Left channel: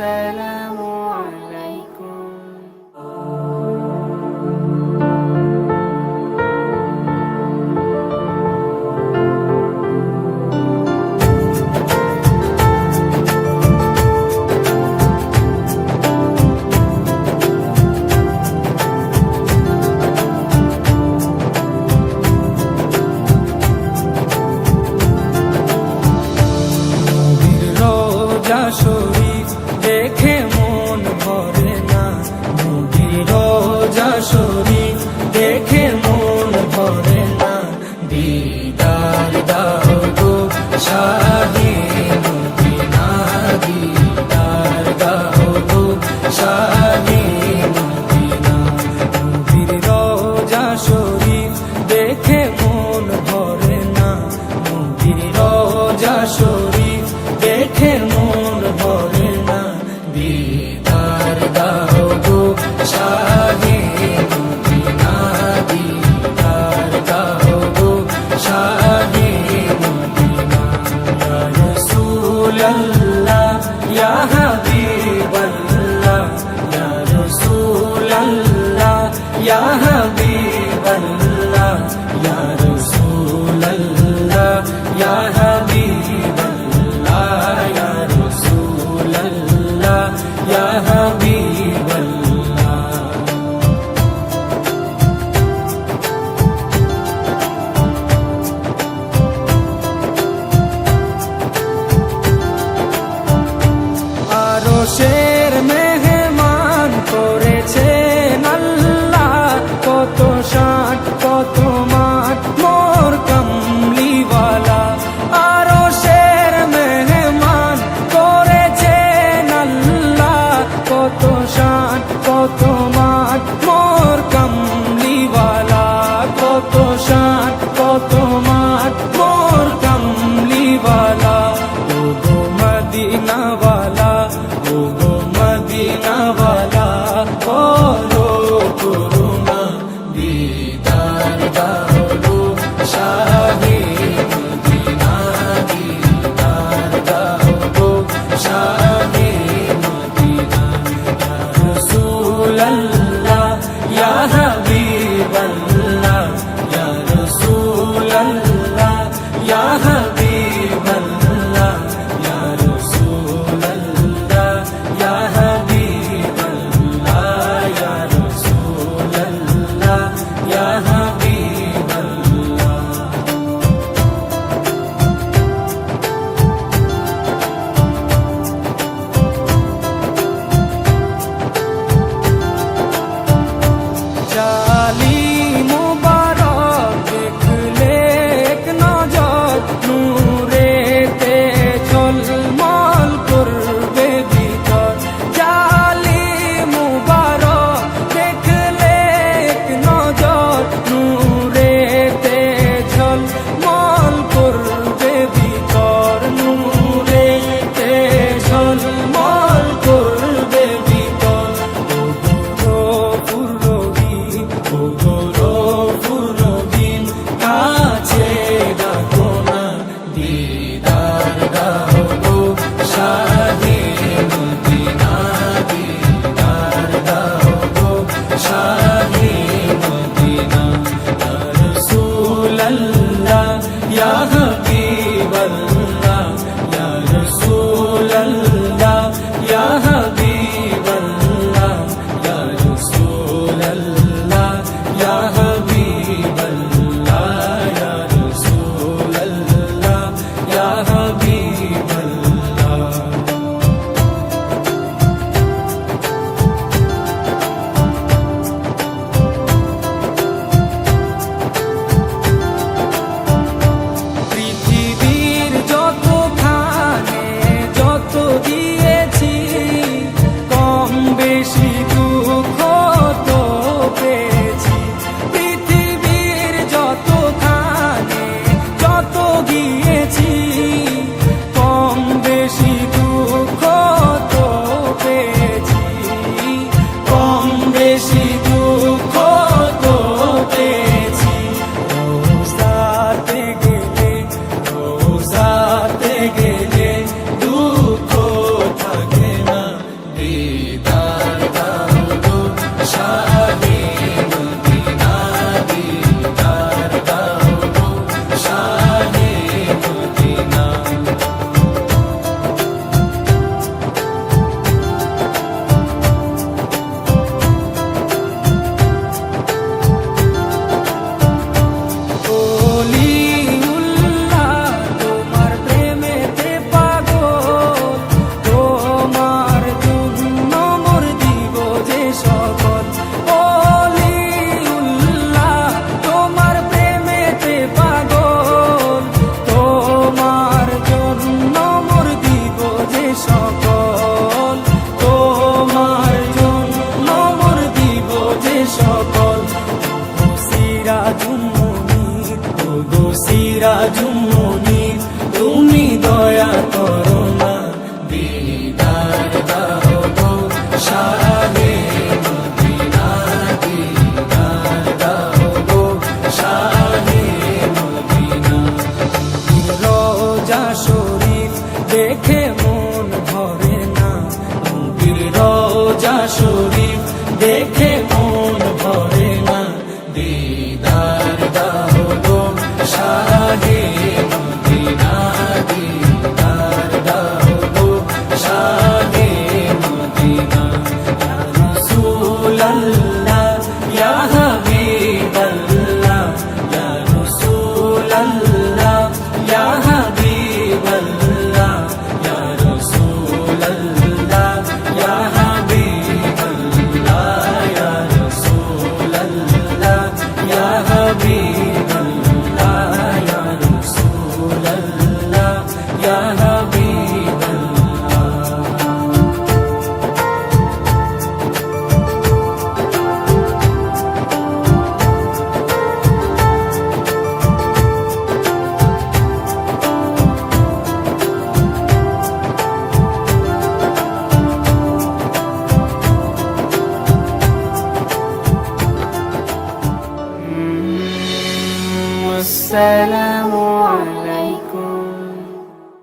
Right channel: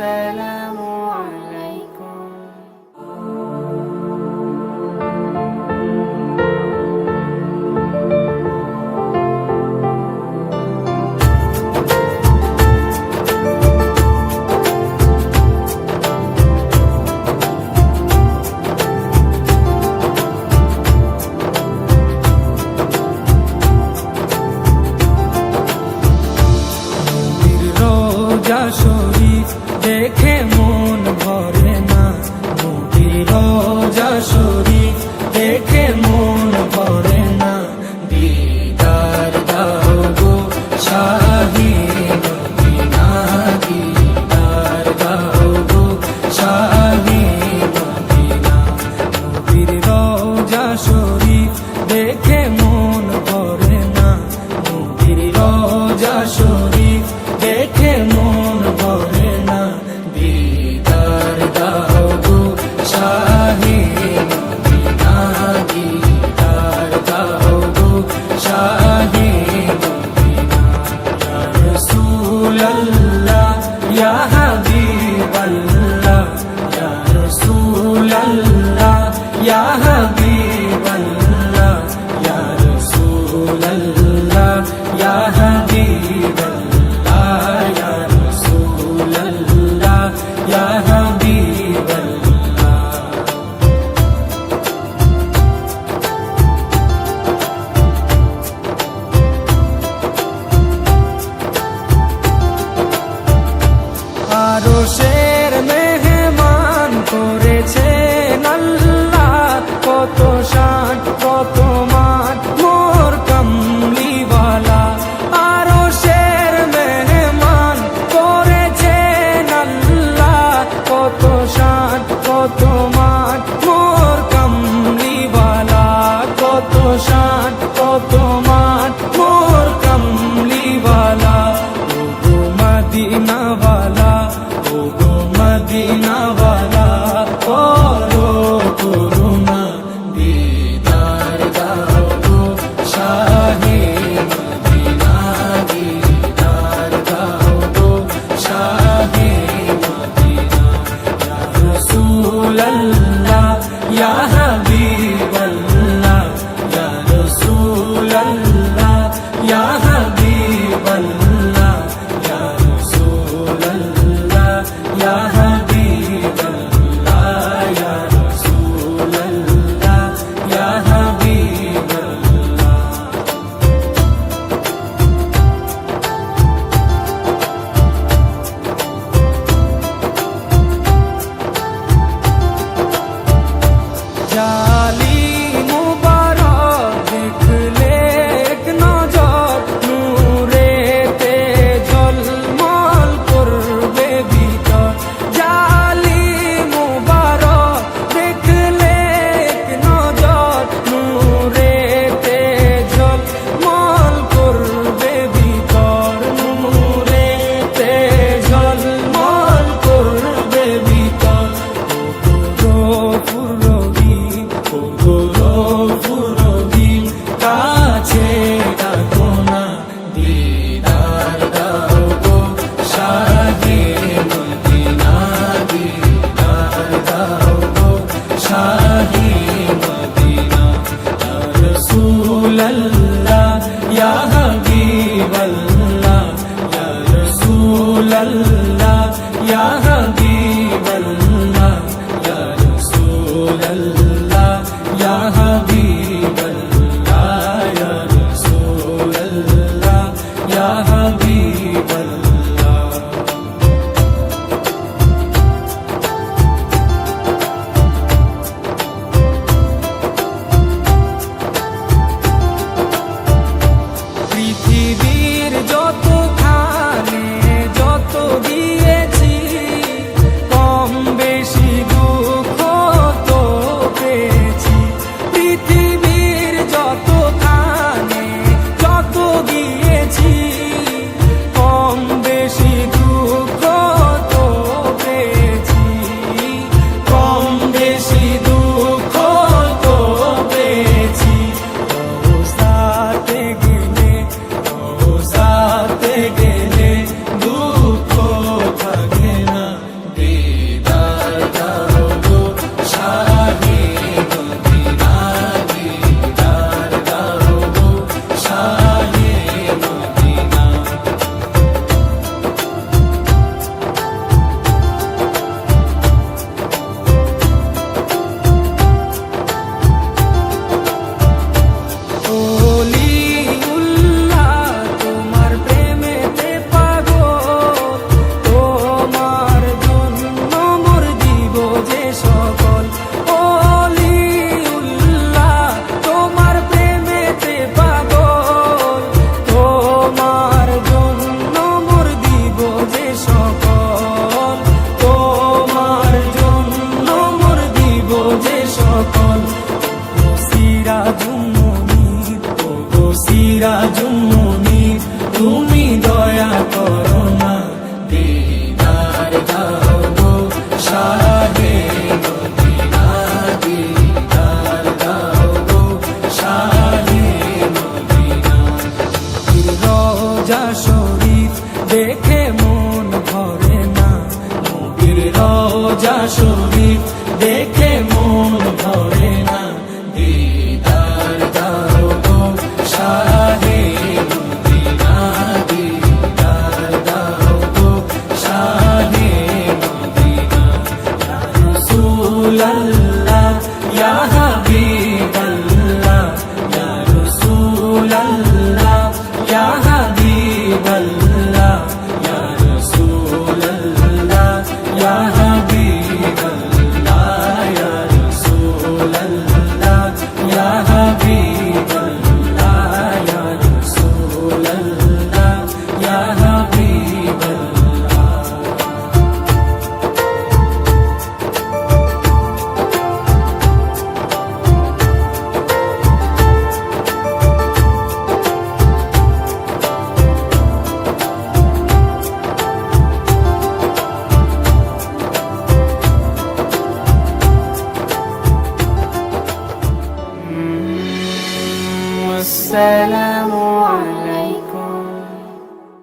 আসসালামু আলাইকুম। রোজা শরীফ দেখে মন ভরে না, নবীর রোজা শরীফ দেখে মন ভরে না। দিদার দাও গো শাহে মদিনা, দিদার দাও গো শাহে মদিনা। নবীর রোজা শরীফ দেখে মন ভরে না, নবীর রোজা শরীফ দেখে মন ভরে না। দিদার দাও গো শাহে মদিনা, দিদার দাও গো শাহে মদিনা। ইয়া রাসূলাল্লাহ ইয়া হাবিবাল্লাহ, ইয়া রাসূলাল্লাহ ইয়া হাবিবাল্লাহ, ইয়া রাসূলাল্লাহ ইয়া হাবিবাল্লাহ, ইয়া রাসূলাল্লাহ ইয়া হাবিবাল্লাহ। আরশের মেহমান করেছেন আল্লাহ, কত শান কত মান মোর কামলিওয়ালা। আরশের মেহমান করেছেন আল্লাহ, কত শান কত মান মোর কামলিওয়ালা, কত শান কত মান মোর কামলিওয়ালা। ও গো মদিনাওয়ালা, ও গো মদিনাওয়ালা, করো করুণা, দিদার দাও গো শাহে মদিনা, দিদার দাও গো শাহে মদিনা। ইয়া রাসূলাল্লাহ ইয়া হাবিবাল্লাহ, ইয়া রাসূলাল্লাহ ইয়া হাবিবাল্লাহ, ইয়া রাসূলাল্লাহ ইয়া হাবিবাল্লাহ, ইয়া রাসূলাল্লাহ ইয়া হাবিবাল্লাহ। জালি মুবারক দেখলে এক নজর, নূরেতে ঝলমল করবে ভিতর। জালি মুবারক দেখলে এক নজর, নূরেতে ঝলমল করবে ভিতর, নূরেতে ঝলমল করবে ভিতর। ও গো রহিম, ও গো রহিম, কাছে ডাকো না, দিদার দাও গো শাহে মদিনা, দিদার দাও গো শাহে মদিনা। ইয়া রাসূলাল্লাহ ইয়া হাবিবাল্লাহ, ইয়া রাসূলাল্লাহ ইয়া হাবিবাল্লাহ, ইয়া রাসূলাল্লাহ ইয়া হাবিবাল্লাহ, ইয়া রাসূলাল্লাহ ইয়া হাবিবাল্লাহ। পৃথিবীর যতখানে যত দিয়েছি, কম বেশি দুঃখ তো পেয়েছি। পৃথিবীর যতখানে যত গিয়েছি, কম বেশি দুঃখ তো পেয়েছি, কম বেশি দুঃখ তো পেয়েছি। রোজাতে গেলে, রোজাতে গেলে দুঃখ থাকে না, সিরাজুম মুনির তুমি দয়া করো না, দিদার দাও গো শাহে মদিনা, দিদার দাও গো শাহে মদিনা। রোজা শরীফ দেখে মন ভরে না, নবীর রোজা শরীফ দেখে মন ভরে না, দিদার দাও গো শাহে মদিনা, দিদার দাও গো শাহে মদিনা। ইয়া রাসূলাল্লাহ ইয়া হাবিবাল্লাহ, ইয়া রাসূলাল্লাহ ইয়া হাবিবাল্লাহ, ইয়া রাসূলাল্লাহ ইয়া হাবিবাল্লাহ, ইয়া রাসূলাল্লাহ ইয়া হাবিবাল্লাহ, ইয়া রাসূলাল্লাহ ইয়া হাবিবাল্লাহ। السلام عليكم